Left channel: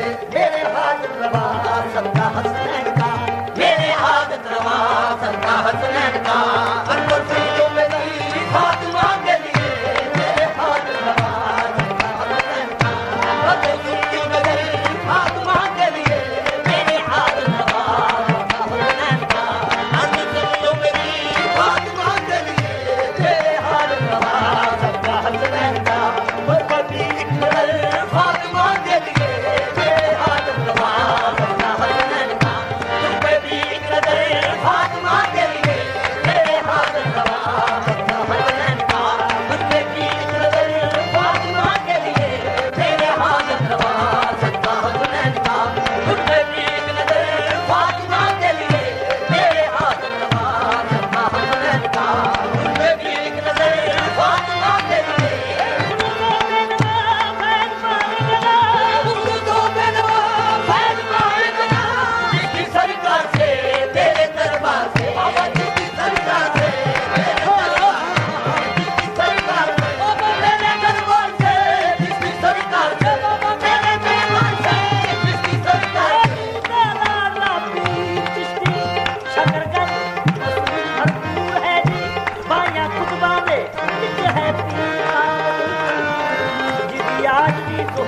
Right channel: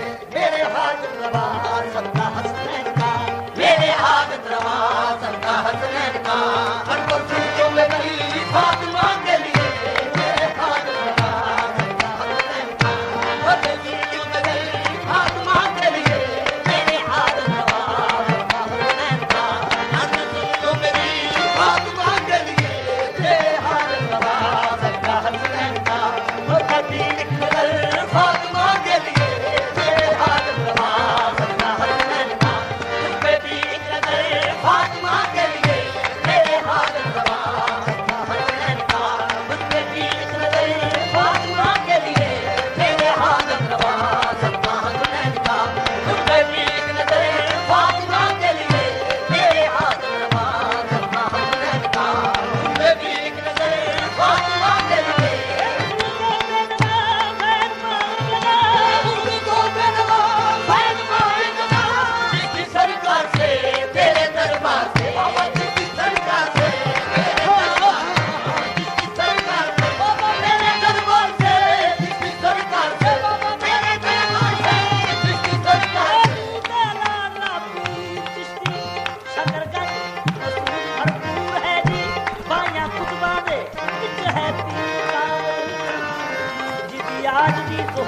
मेरे हाजत रवा सबका हसनैन का, मेरे हाजत रवा सबका हसनैन का। अंदर सुन लो मेरी फातिमा के लिए, मेरे हाजत रवा सबका हसनैन का। अंदर सुन लो मेरी फातिमा के लिए, मेरे हाजत रवा सबका हसनैन का। अंदर सुन लो मेरी फातिमा के लिए, मेरे हाजत रवा सबका हसनैन का। वो कभी एक नजर फातिमा के लिए, मेरे हाजत रवा सबका हसनैन का। वो कभी एक नजर फातिमा के लिए, मेरे हाजत रवा सबका हसनैन का। वो कभी एक नजर फातिमा के लिए, मेरे हाजत रवा सबका हसनैन का। वो कभी एक नजर फातिमा के लिए, मेरे हाजत रवा सबका हसनैन का। वो कभी एक नजर फातिमा के लिए, जिसकी सरकार से तेरे दरबार से बाबा, जिसकी सरकार से तेरे दरबार जिसकी सरकार से बाबा मेरे दरबार से, जिसकी सरकार से बाबा मेरे दरबार से, जिसकी सरकार से जिसकी आजी तो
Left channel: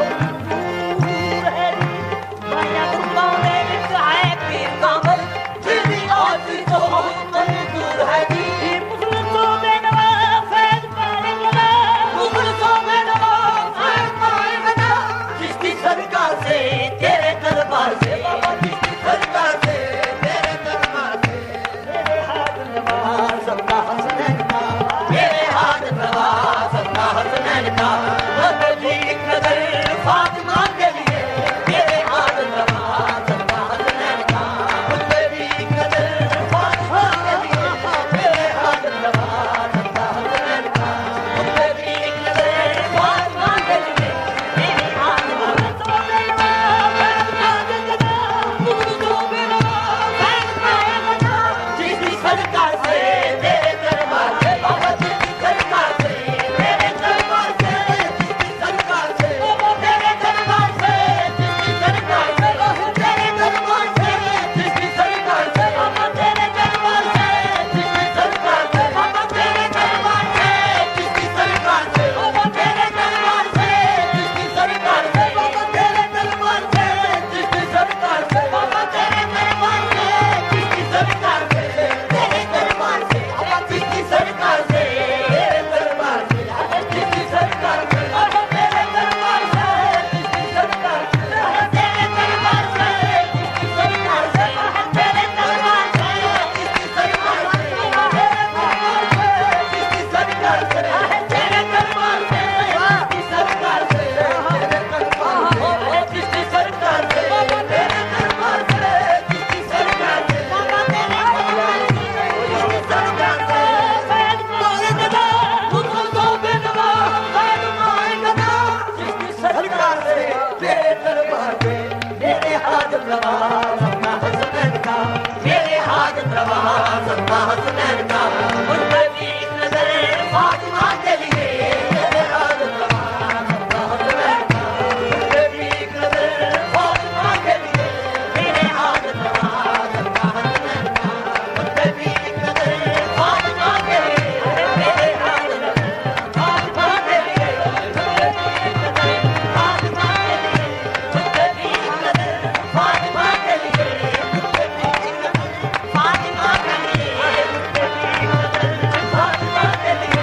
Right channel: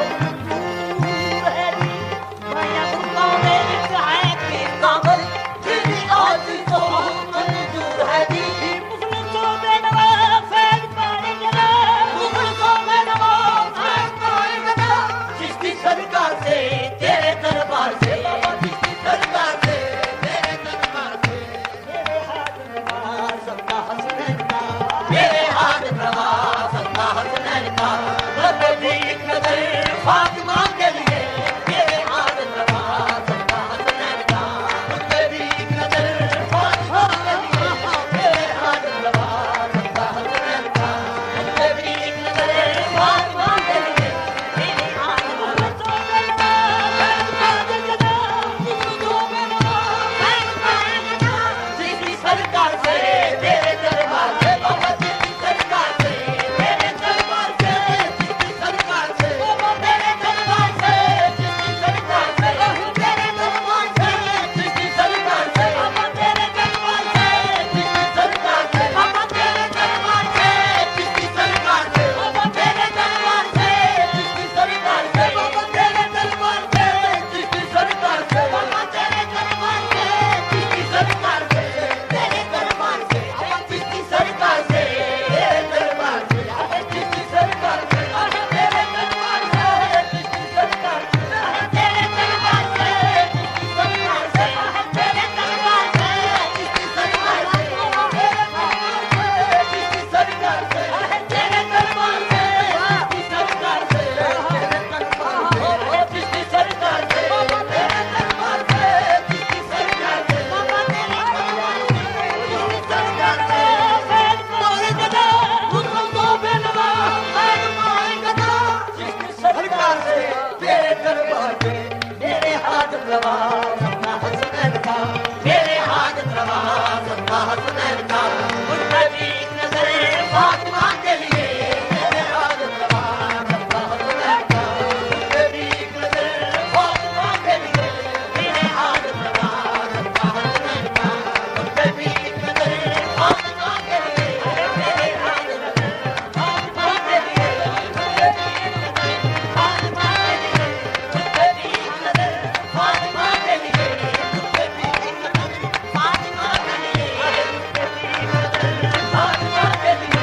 मंजूर है जी, मुखलसों में नवाज फैज़ पाएगा। जिसकी सरकार से तेरे दरबार से बाबा, जिसकी सरकार से तेरे दरबार से, मेरे हाजत रवा सबका हसनैन का, मेरे हाजत रवा सबका हसनैन का। वो कभी एक नजर फातिमा के लिए, मेरे हाजत रवा सबका हसनैन का। वो कभी एक नजर फातिमा के लिए, मेरे हाजत रवा सबका हसनैन का। वो कभी एक नजर फातिमा के लिए, मेरे हाजत रवा जिसकी सरकार से तेरे दरबार से बाबा, जिसकी सरकार से तेरे दरबार से, जिसकी सरकार से बाबा तेरे दरबार से, जिसकी सरकार से बाबा तेरे दरबार से, जिसकी सरकार से बाबा तेरे दरबार से, जिसकी सरकार से बाबा तेरे दरबार से, जिसकी सरकार से बाबा तेरे दरबार से, जिसकी सरकार से बाबा तेरे दरबार से, जिसकी सरकार से बाबा तेरे दरबार से, जिसकी सरकार से तेरे दरबार से, जिसकी सरकार से तेरे दरबार से, जिसकी सरकार से बाबा तेरे दरबार से, जिसकी सरकार से तेरे दरबार से, जिसकी सरकार से बाबा तेरे दरबार से, जिसकी सरकार से बाबा तेरे दरबार से, जिसकी सरकार से तेरे दरबार से, जिसकी सरकार से जिसकी सरकार से बाबा तेरे दरबार से, जिसकी सरकार से बाबा तेरे दरबार से, जिसकी सरकार से मुखलसों में नवाज फैज़ पाएगा। जिसकी सरकार से तेरे दरबार से, मेरे हाजत रवा सबका हसनैन का, मेरे हाजत रवा सबका हसनैन का। उनमें भी एक नजर फातिमा के लिए, मेरे हाजत रवा सबका हसनैन का। उनमें भी एक नजर फातिमा के लिए, मेरे हाजत रवा सबका हसनैन का। उनमें भी एक नजर फातिमा के लिए, मेरे हाजत रवा फातिमा के लिए, उनमें भी एक नजर फातिमा के लिए, उनमें भी एक नजर फातिमा के लिए, उनमें भी एक नजर फातिमा के लिए, उनमें भी एक नजर फातिमा के लिए।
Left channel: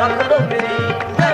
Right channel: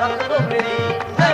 रख लो मेरी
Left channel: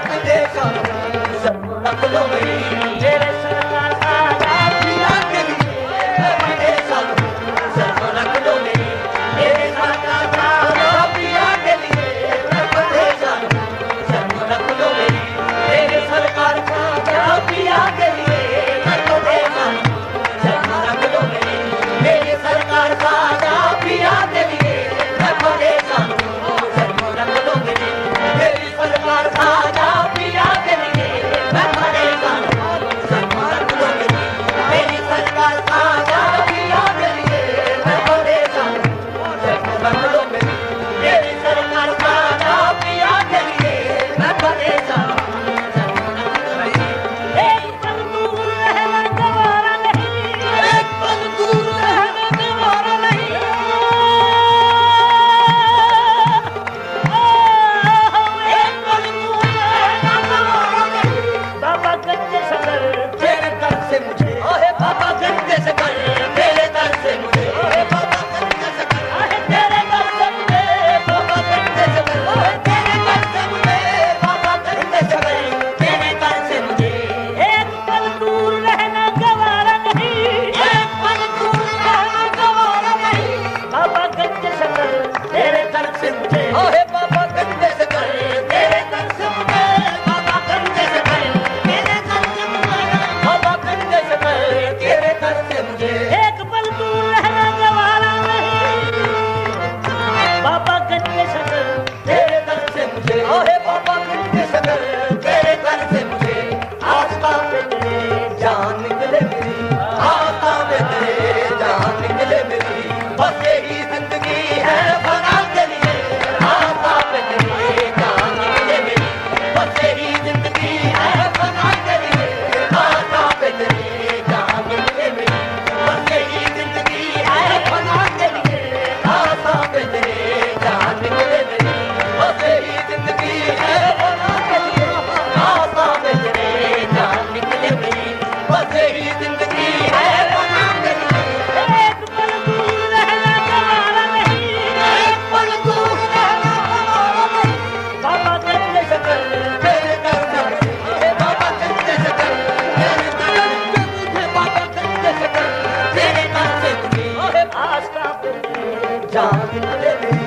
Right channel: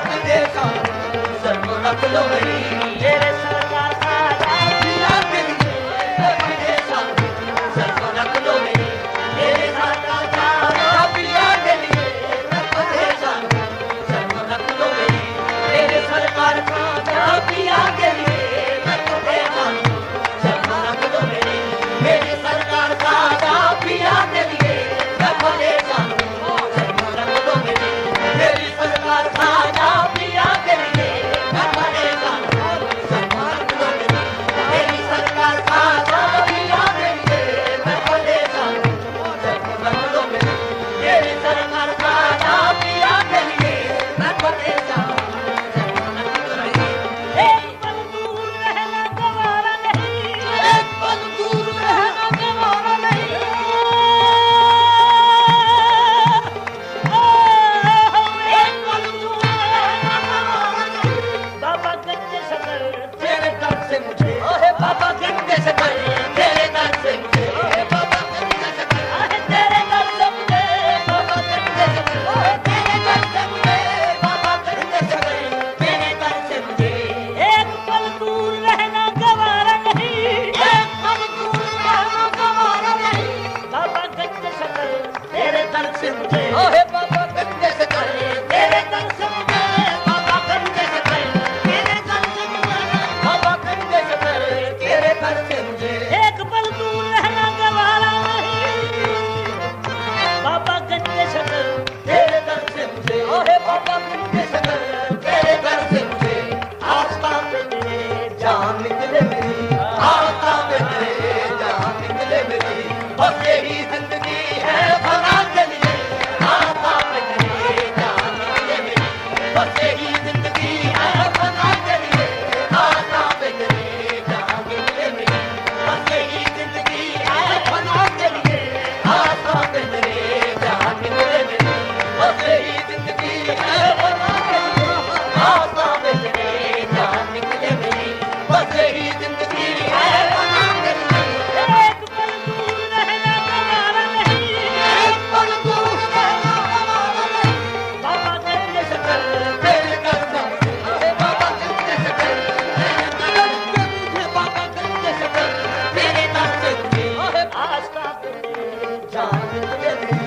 जान निकले नहीं,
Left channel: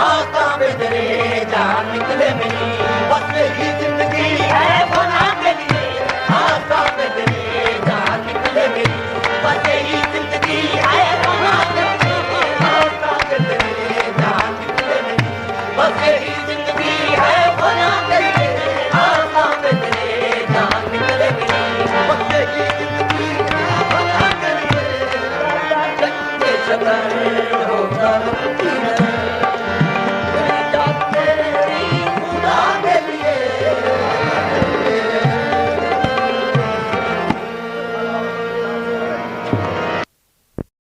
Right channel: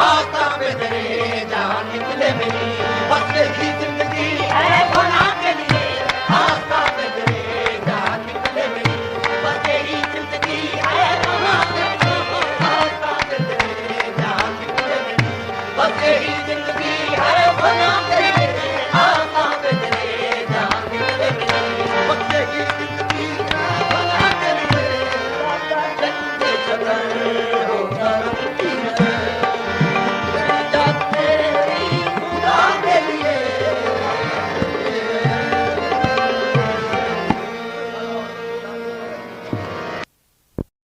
आता में तेरे जान निकले नहीं, बस यही जिंदगी है भला के लिए, आता में तेरे जान निकले नहीं, बस यही जिंदगी है भला के लिए, आता में तेरे जान निकले नहीं, बस यही जिंदगी है भला के लिए, आता में तेरे जान निकले नहीं, बस यही जिंदगी है भला के लिए, होता